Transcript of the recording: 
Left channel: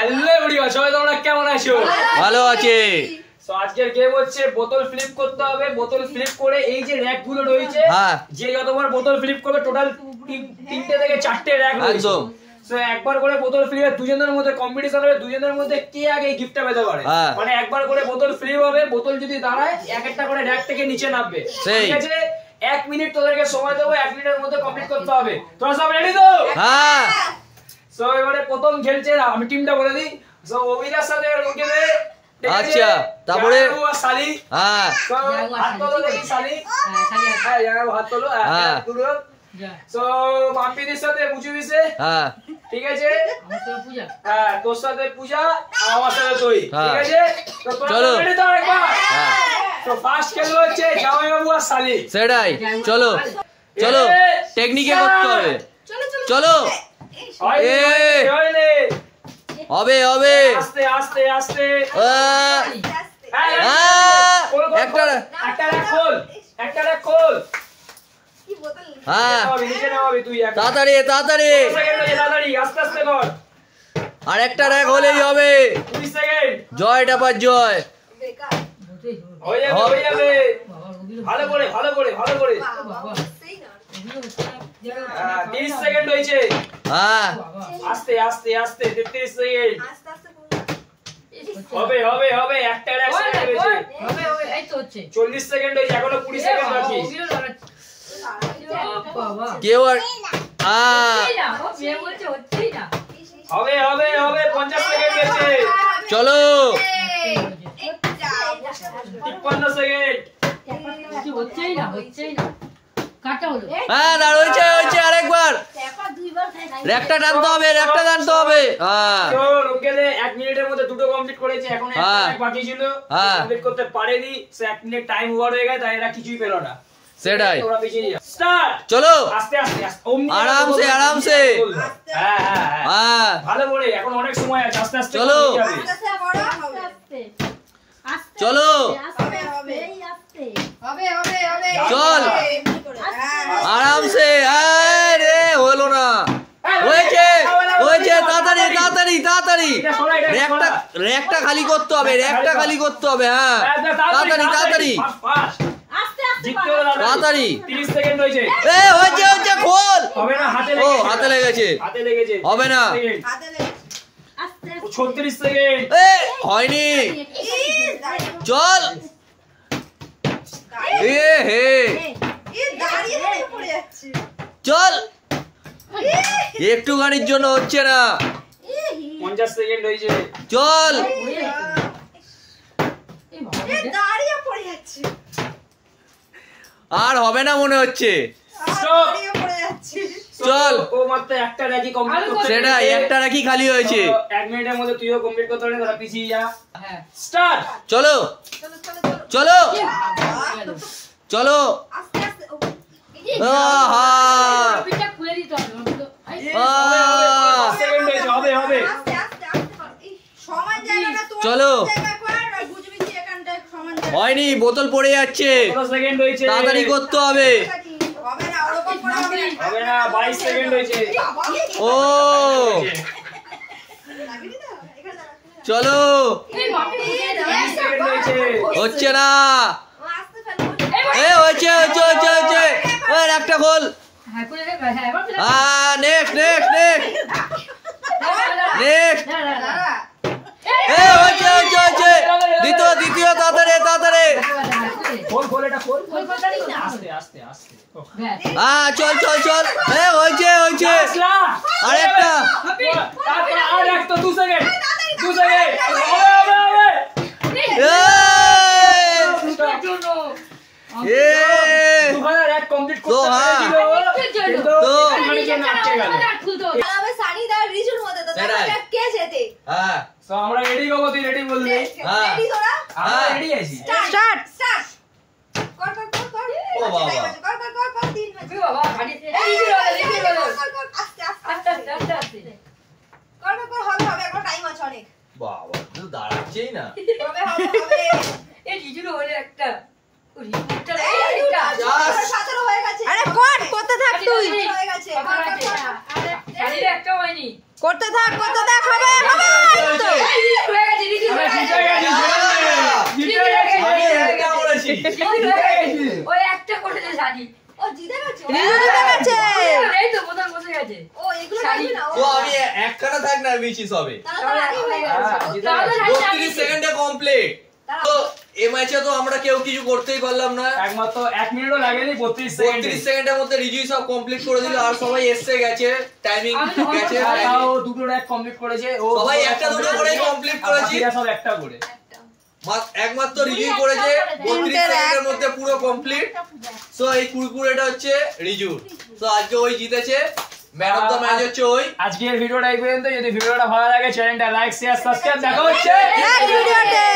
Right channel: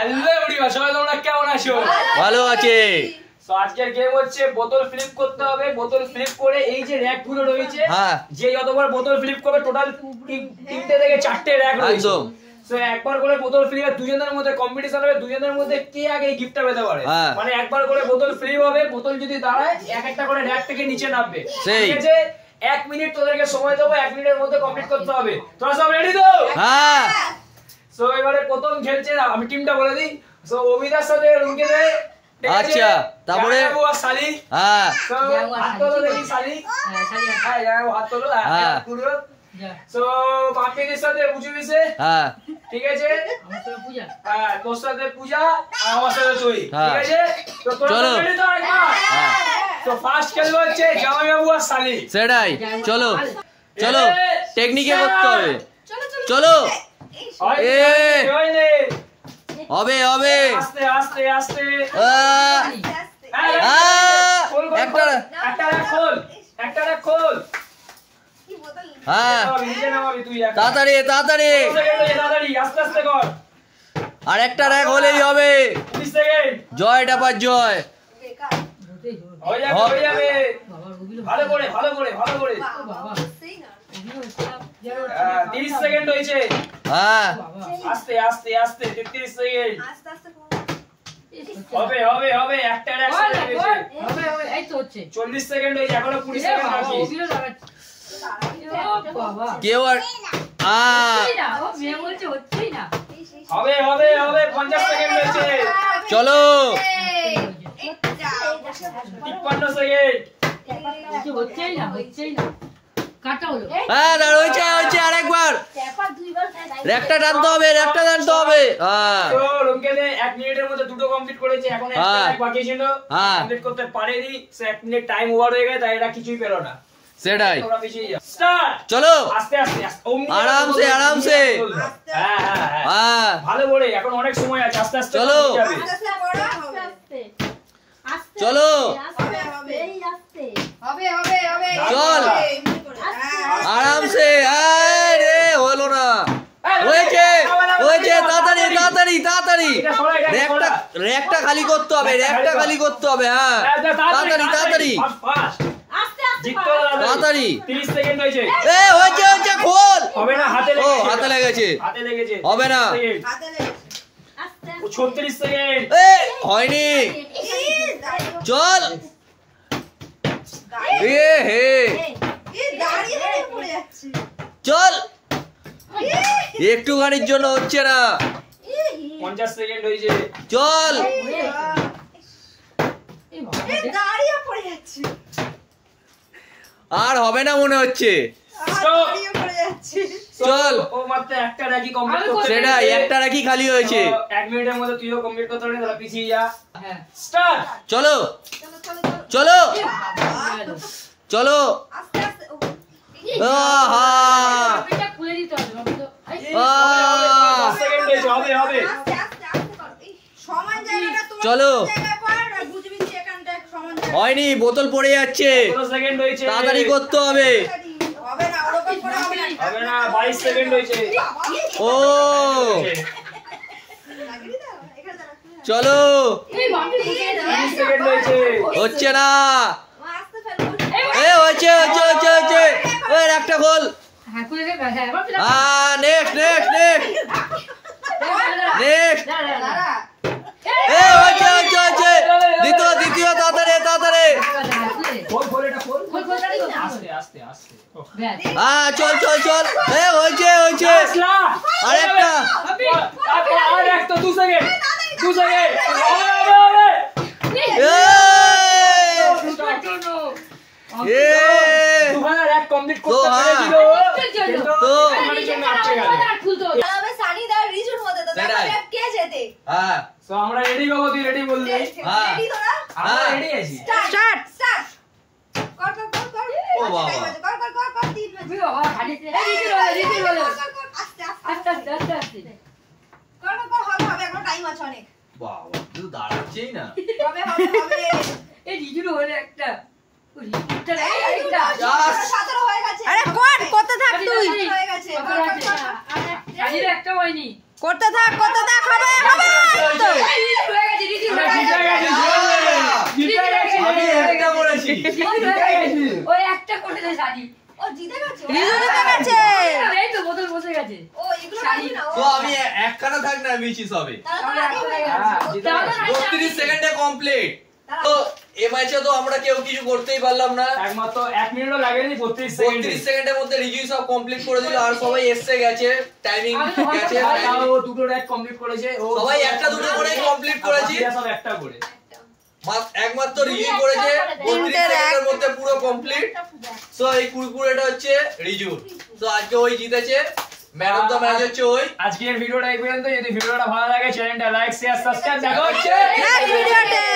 Hello everyone, সবাই তোমরা কেমন আছো? ভালো আছে। সো আজকের গেম হচ্ছে বোতল ফ্লিপ করতে হবে। বোতল ফ্লিপ করে এই যে র্যাক গুলো রয়েছে, যে যতবার বোতল ফ্লিপ করবে টোটাল 3টে থেকে 4টে র্যাক রয়েছে। একদম। সো একবার করে বোতল ফ্লিপে দুজনের মধ্যে কম্পিটিশন হবে, দুজনের মধ্যে কে আগে গিফটটা পেতে পারে। মানে একবার করে বোতল ফ্লিপ হবে, বোতল যদি দাঁড়ায় এক একটা করে র্যাক থেকে নিচে নামবে। ঠিক আছে, 1 মিনিট তোদেরকে সময় দেবো, 1 মিনিটের মধ্যে কমপ্লিট করতে হবে। তোমরা সব রেডি তো? হ্যাঁ। সো এবারে প্রথম খেলছে, আমি টিমটা বলে দিই। সো অভিদার সাথে রুকে দে। আচ্ছা, তারপরে সালি। হ্যাঁ, হাত তোলো দেখি সালি। হ্যাঁ, হাত তোলো। হ্যাঁ, সো মাম্পিদের সাথে বুঝু বিছে। হ্যাঁ, ঠিক আছে। আমার সাথে পূজা। হ্যাঁ, তোর সাথে পূজা আর আমার সাথে তুই। ঠিক আছে, তো চলো রেডি তো একবার। হ্যাঁ, তো ফার্স্ট খেলবো হচ্ছে জামাই বাবু আর সালি। সেটাই, চলো চলো, টেকনিকে করতে হবে। চলো এ হবে হবে, আস্তে আস্তে আস্তে। একটা খোল, একটা খোল। হ্যাঁ, তাড়াতাড়ি তাড়াতাড়ি, আস্তে আস্তে কর। আর একটা র্যাক হলেই হবে। 20 সেকেন্ড। জয় ডাপার জয়। হয়ে যাবে। ভালো করে ভালো করে ভালো করে। 30 সেকেন্ড হয়েছে। হ্যাঁ, আস্তে আস্তে আস্তে। 33 সেকেন্ড। হবে হবে হবে, একটা র্যাক হয়েছে। হবে হবে, এই তো হচ্ছে। 40 সেকেন্ড হয়েছে, এখনো 20 সেকেন্ড বাকি। কেউ আর হবে হবে হবে, 50 সেকেন্ড হয়েছে। চলো 53 সেকেন্ড। হ্যাঁ, দাঁড় হয়েছে হয়েছে, আরেকবার র্যাকটা টানতে হবে, র্যাকটা টানতে হবে। হ্যাঁ, তো রুমকেলে 1 মিনিটের মধ্যে দুটো কমপ্লিট করেছে, এখন একটা র্যাক বাকি ছিল, কমপ্লিট করতে পারেনি। সো 1 মিনিট টাইম ওভার হয়ে গেছে, তাই এরা কিছুই পেল না। সেটাই, স্টার্ট। চলো আস্তে আস্তে আরামসে আরামসে। হ্যাঁ হ্যাঁ, ভালো করে, এখন অনেক সময় আছে। আস্তে আস্তে চলো চলো, চল আরামসে। আরে হলো না, হয়েছে হয়েছে, তাড়াতাড়ি তাড়াতাড়ি তাড়াতাড়ি, র্যাকটা খালি করতে হবে, র্যাকটা খালি করতে হবে। হ্যাঁ, তাড়াতাড়ি তাড়াতাড়ি তাড়াতাড়ি। 30 সেকেন্ড হয়েছে। এ হয়েছে হয়েছে, খোল। হবে না, হাতে ও হাতে লেগেছে, হাতে লেগেছে। হবে না। 36 সেকেন্ড। এ হয়নি, চল। এ হে, চল, একটুখানির জন্য হচ্ছে না। 50 সেকেন্ড হয়েছে। চল, আর হবে না মনে হচ্ছে। চল, ও মাত্র একটা র্যাকই কমপ্লিট করতে। সেটাই, একটা র্যাকই খালি হয়েছে। 1 মিনিটের মধ্যে তুইও কমপ্লিট করতে পারবি, তোরা পিছিয়ে যা। হ্যাঁ, স্টার্ট। চলো চলো চলো। চলো, হয়নি, বোতল পড়ে যাচ্ছে, তাড়াতাড়ি করতে হবে। হবে না, 22 সেকেন্ড হয়েছে। ও চলো, হচ্ছে না। এ হয়েছে হয়েছে হয়েছে হয়েছে, ওই একটা খোল। হ্যাঁ, নেক্সট নেক্সট নেক্সট নেক্সট। এ হয়েছে হয়েছে হয়েছে, দ্বিতীয় দ্বিতীয়, তাড়াতাড়ি তাড়াতাড়ি। হ্যাঁ, চল চল চল। এ হয়েছে হয়েছে, আরেকটা। আরেকটা 2 সেকেন্ড 2 সেকেন্ড। আমরা রেডি বাবু, তুই রেডি বললি? রেডি তোরা? আমরা রেডি আছি। স্টার্ট। কর কর কর কর। ও বাবা, কর কর কর কর। 3 বাবা, গাড়িতে রেডি বলো। আস্তে আস্তে আস্তে আস্তে। কর কর কর, হবে হবে, এখন টাইম আছে অনেক। বাবা, তুই দাঁড়াচ্ছেই না। হবে হবে হবে। এই রিজুর হলে একটা আরে কর, করতে থাক তুই। করতে থাক হবে হবে। রিজু জিতে গেছে। এই তো বোতল বসে গেছে। ও এগুলো রাখবি না। তো আমি একখানা থাক না মিছি সবে। 32 সেকেন্ডে কমপ্লিট। তো এই ম্যাচে তো আমরা কেউ কিছু করতেই পারলাম না। একমাত্র 1 মিনিটও লাগেনি 32 সেকেন্ডের মধ্যে রিজুই সব কমপ্লিট করে দিল আর সবাই এসে গেছে টাইমিং গেছে। তাও দুটো র‍্যাক কমপ্লিট করেছে। ও সবাই একটা দুটো করে কমপ্লিট করেছি। সব একটা করে। একমাত্র রিজু করেছে 32 সেকেন্ডের মধ্যে পুরো কমপ্লিট। সো এই কুরকুরেটা হচ্ছে রিজু। সো আজকে ওই জিতেছে। ম্যান অফ দ্য ম্যাচ হচ্ছে ওই। আজকের ভিডিওটা এই পর্যন্ত। যদি ভিডিওটা ভালো লাগে চ্যানেলটা লাইক শেয়ার সাবস্ক্রাইব দেখা হচ্ছে নেক্সট ভিডিওতে।